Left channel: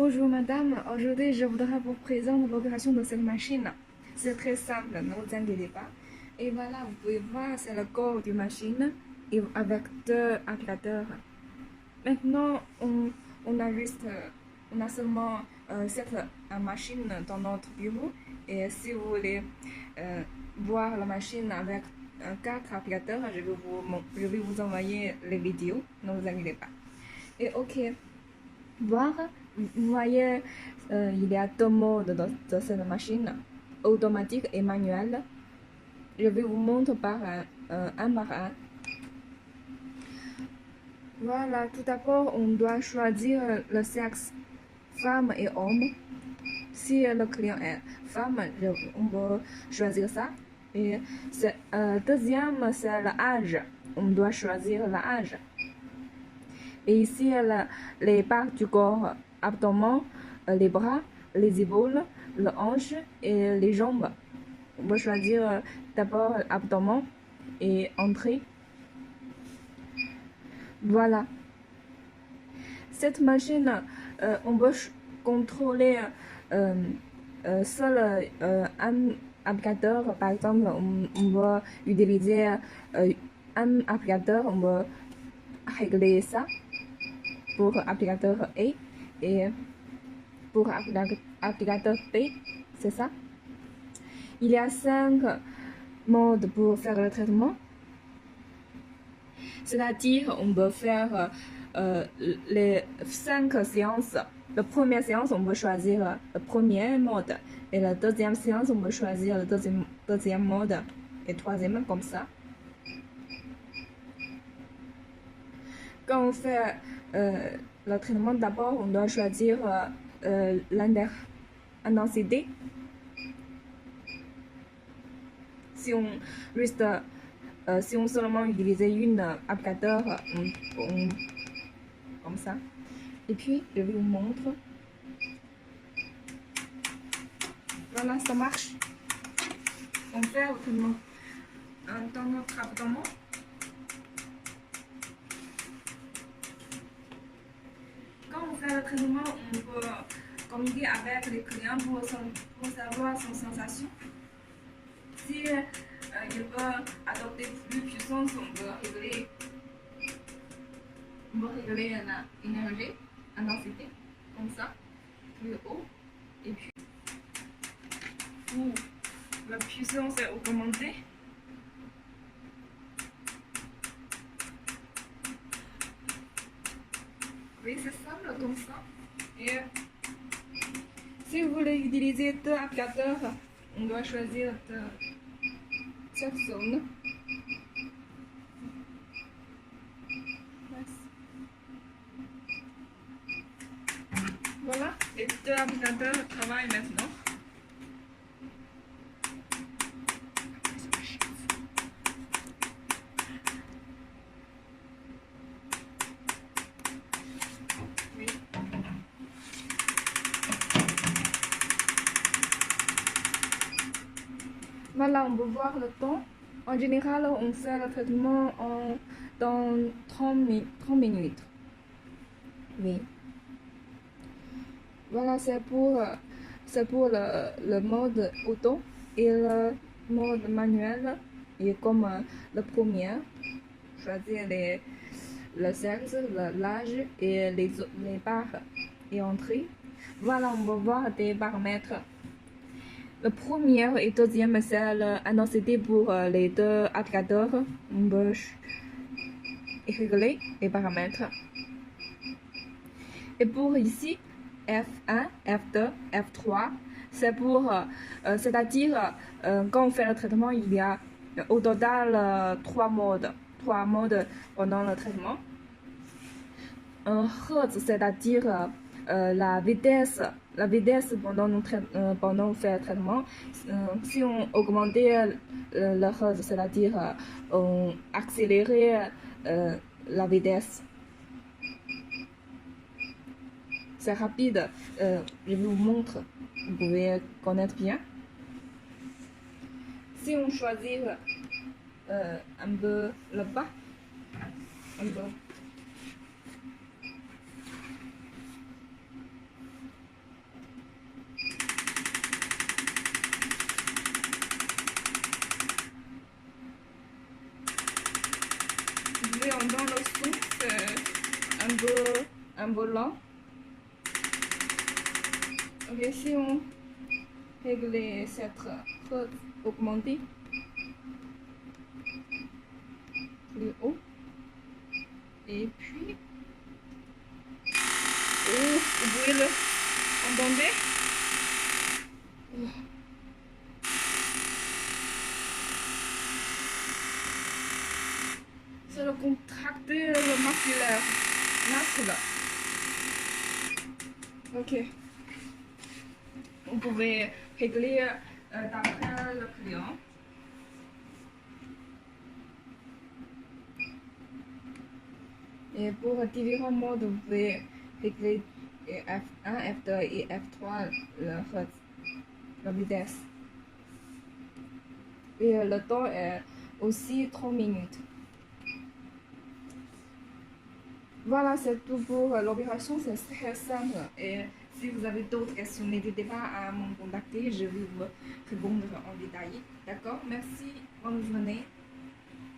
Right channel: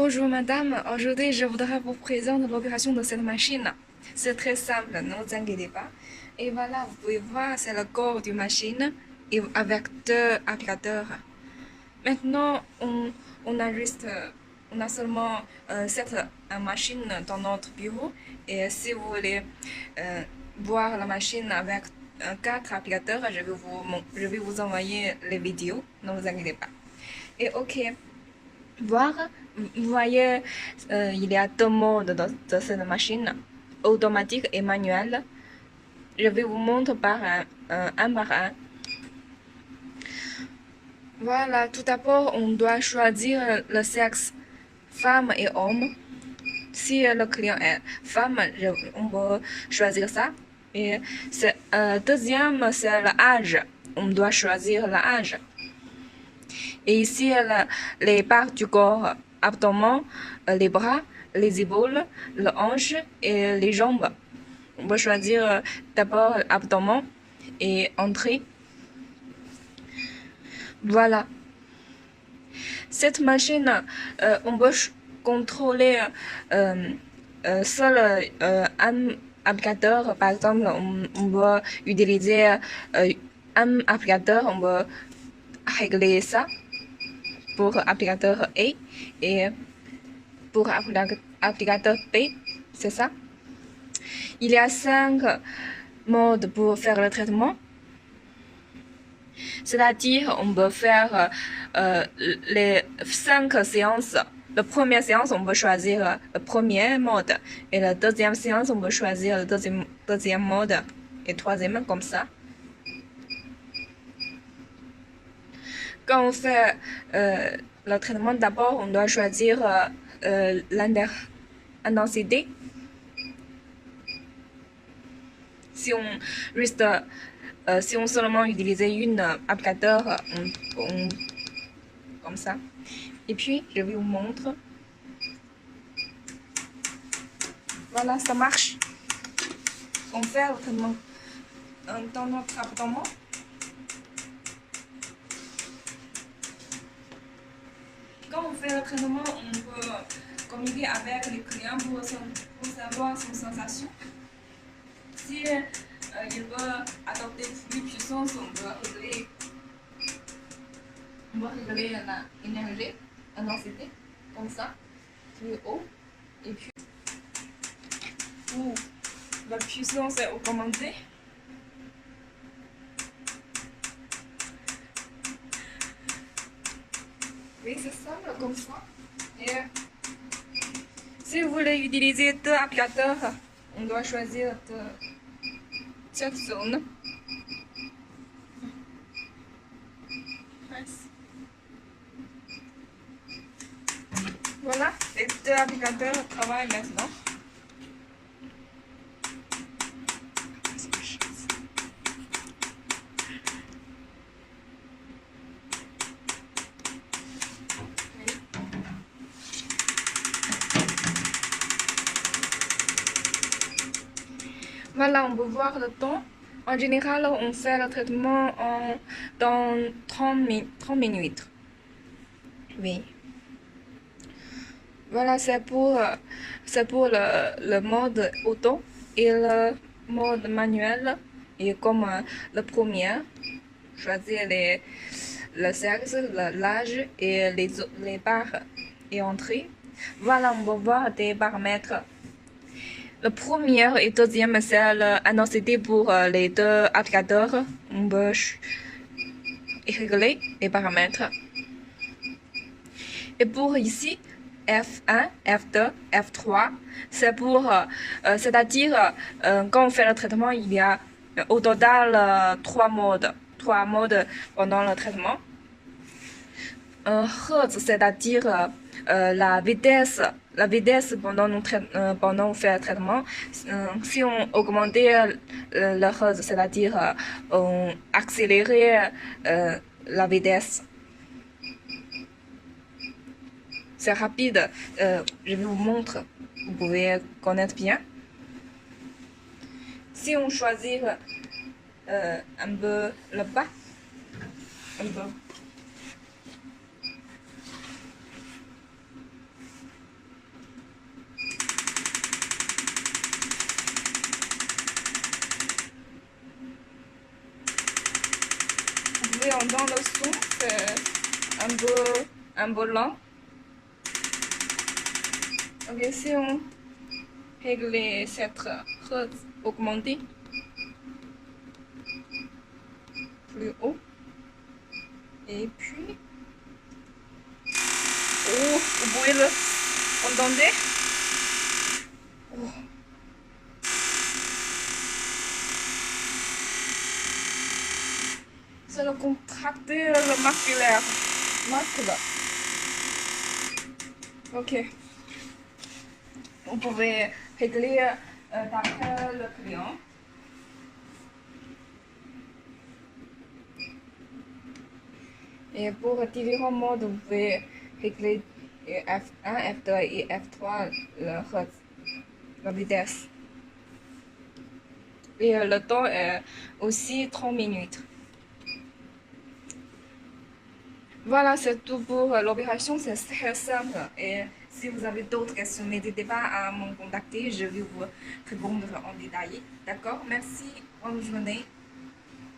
Bonjour madame, aujourd'hui je voudrais vous présenter l'opération de cette machine. C'est très simple, ne vous inquiétez pas. Et voilà, vous pouvez voir, c'est le corps du machine et avec deux applicateurs. Maintenant, on a seulement cette machine dans notre bureau. Et si vous voulez voir la machine avec quatre applicateurs, je vais vous envoyer les vidéos, ne vous inquiétez pas. Et ok, voir, vous voyez, il y a deux modes de cette machine, automatique et manuel. Je vais vous montrer un par un. Voilà, tout d'abord, on doit choisir le sexe femme et homme. Si le client est femme, on peut choisir ça. Et deuxième, c'est l'âge. On doit choisir l'âge. Et ici, les parts du corps, abdomen, les bras, les épaules, le hanche et les jambes. On peut choisir d'abord l'abdomen et entrer. Voilà. Cette machine, on peut contrôler seul un applicateur. Par exemple, on peut utiliser un applicateur, on peut régler ça pour applicateur A et pour applicateur B, c'est ça. Il y a 5 modes pour faire le traitement. C'est-à-dire, on peut faire les 5 séances. La première séance, on peut choisir le premier mode. Et la deuxième séance, on peut choisir le deuxième mode. Et troisième, comme ça. Quand on fait le traitement, d'abord, on doit choisir l'intensité. Si on seulement utilisait une applicateur, comme ça. Et puis, je vais vous montrer. Voilà, ça marche. On fait le traitement dans notre abdomen. Quand on fait le traitement, on peut communiquer avec les clients pour savoir son sensation. Si il veut adopter plus de puissance, on peut régler l'énergie, l'intensité, comme ça, plus haut. Et puis, pour la puissance est augmentée. Oui, c'est simple comme ça. Et si vous voulez utiliser deux applicateurs, on doit choisir chaque zone. Voilà, les deux applicateurs travaillent maintenant. Oui. Voilà, on peut voir le temps. En général, on fait le traitement dans 30 minutes. Oui. Voilà, c'est pour le mode auto et le mode manuel. Et comme le premier, choisir le sexe, l'âge et les barres et entrées. Voilà, on va voir des paramètres. Le premier et deuxième, c'est l'intensité pour les deux applicateurs. On peut régler les paramètres. Et pour ici, F1, F2, F3, c'est pour, c'est-à-dire, quand on fait le traitement, il y a au total 3 modes pendant le traitement. Hertz, c'est-à-dire la vitesse pendant on fait le traitement. Si on augmentait le hertz, c'est-à-dire on accélérait la vitesse. C'est rapide. Je vous montre. Vous pouvez connaître bien. Si on choisit un peu le bas, un peu. un volant. Ok, si on règle cette Hertz augmentée plus haut, et puis, oh, vous pouvez le entendre? Oh. C'est le contracteur musculaire. Ok. Vous pouvez régler d'après le client. Et pour différents modes, vous pouvez régler F1, F2 et F3 le hertz, la vitesse. Et le temps est aussi 30 minutes. Voilà, c'est tout pour l'opération, c'est très simple. Et si vous avez d'autres questions, n'hésitez pas à me contacter, je vais vous répondre en détail. D'accord? Merci, bonne journée.